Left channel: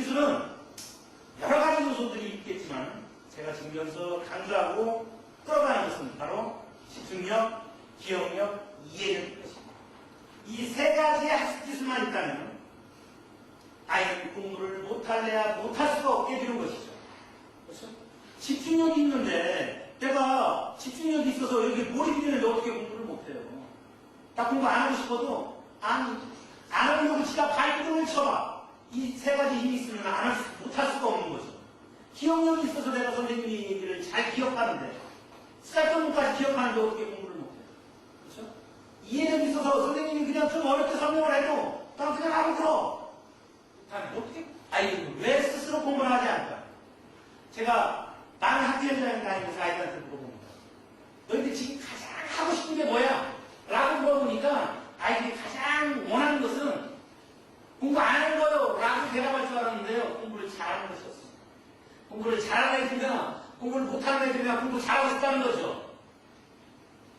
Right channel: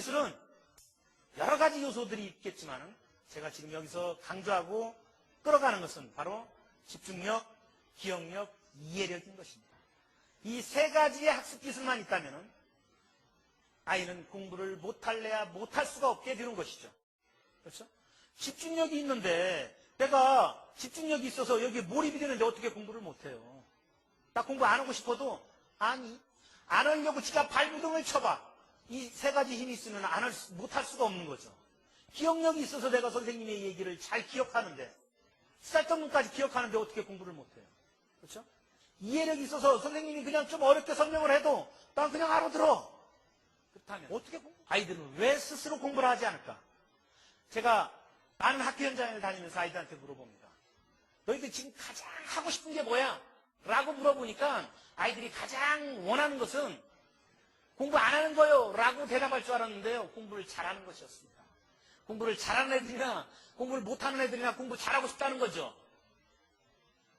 학습기술은 여러 가지 요소들이 있겠지만 제가 지금 여기서 강조하고 끌어가는 것은 바로 집중력, 기억력, 이해력일 것입니다. 이 세 가지의 학습 기술만 있다면 아이는 공부를 못할래야 못할 수가 없게 되는 것이죠. 그렇죠? 집중력이 있는데 내가 집중력이 있어서 여기 몰입이 되는데 어떻게 공부를 못해요? 나 공부 안 하고 싶어도 아니 안 하려고 지가 발등을 쳐봐. 이 세 가지 힘이 있으면 안 할 수, 못할 수가 없는 거죠. 기억력이 있어서 내가 선생님의 얘기를 잘 기억하는데 쌀떡문까지 기억하는데 어떻게 공부를 못해요? 그렇죠? 이해력이 있어서 선생님이 그냥 좀 어렵게 설명을 해도 난 그냥 알아들어. 다음에 어떻게? 아니 왜 스스로 공부를 하지 않을까? 제가 나는 학교 현장에 다니면서 아이들한테 물어봅니다. 너희들 지금 가장 하고 싶은 게 뭐야? 라고 물어보니까 아이들이 가장 원하는 것은 공부 안 하는 거요. 라고 대답할 줄 알았는데요. 공부를 잘하는 것이었습니다. 공부를 잘하는 애들이나 공부를 못하는 애들이나 공부 잘하고 싶다는 거죠.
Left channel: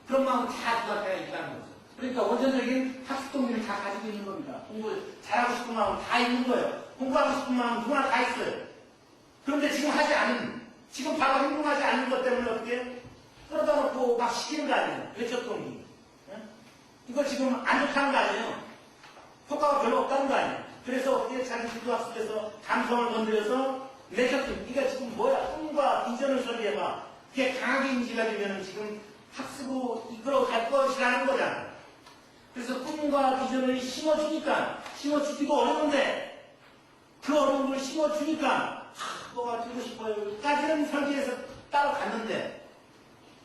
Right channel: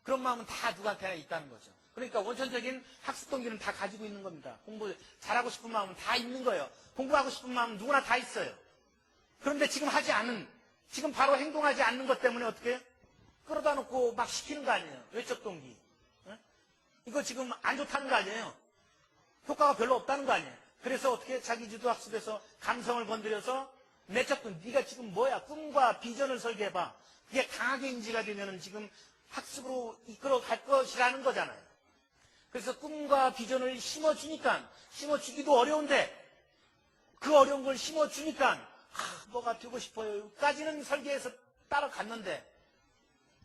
그런 마음은 다 누구한테 있다는 거죠. 그러니까 원천적인 학습 동기를 다 가지고 있는 겁니다. 공부 잘하고 싶은 마음은 다 있는 거예요. 공부하고 싶은 마음은 누구나 다 있어요. 그런데 지금 하지 않은, 지금 바로 행동하지 않는 것 때문에 어떻게 끌어다 놓고 막 시키는 거 아니에요. 외적 동기. 응? 이거 지금 안 좋다는 거 아니에요. 효과가 별로. 자기 지도학습에서 감성을 건드려서 동기, 네가 지금 뭐야? 꿈과 비전을 설계해봐. 그게 강하게 인지가 되면 지금 학습으로 이끌어 갈 것이라는 거잖아요. 그래서 꿈과 비전을 심어주니까, 심어주기도 어려운데, 그 어려운 걸 심어주니까, 아, 뭐가 되고 싶어요. 까지는 설계해서 따라갔는데,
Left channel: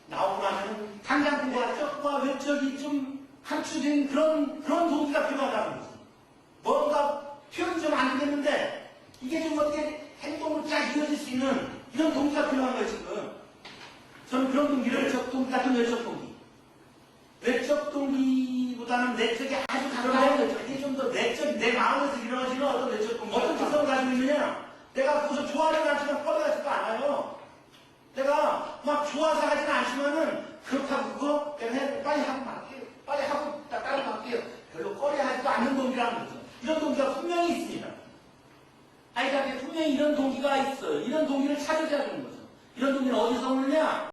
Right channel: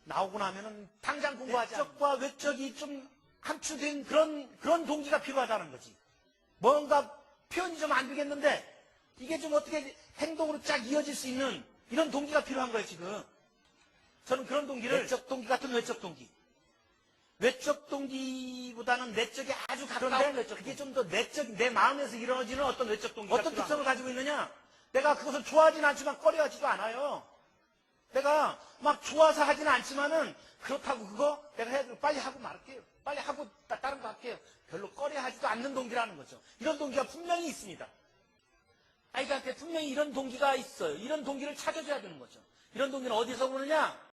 나오고 나면 당장 공부가 적과 외적이 좀 감추된 그런, 그런 동기가 필요하다는 거지. 뭔가 표현이 좀 안 되겠는데, 이게 좀 어떻게 행동으로 쫙 이어질 수 있는 이런 동기가 필요한 거예요, 지금. 저는 그런 동기를 외적 동기 같은 외적 동기. 외적 동기보다는 내적이 아주 가까운 거죠. 이게 좀더 내적, 내 마음에서 이루어지는 어떤 외적 동기. 어떤 특성을 가지고 있느냐? 내가 그것을 좋아하지는 않지만 꺼려하지도 않아요. 내가 막 좋아서 하지는 않지만은 그렇다고 그거 내가 해, 빨리 하고 말게요. 빨리 하고 따, 따로 갈게요. 별로 꺼려하지도 않는 동기라는 거죠. 이런 동기가 분명히 있습니다. 아이들한테 분명히 이런 동기가 있어요. 이런 동기를 되는 거죠. 이런 동기는 어디서 오느냐?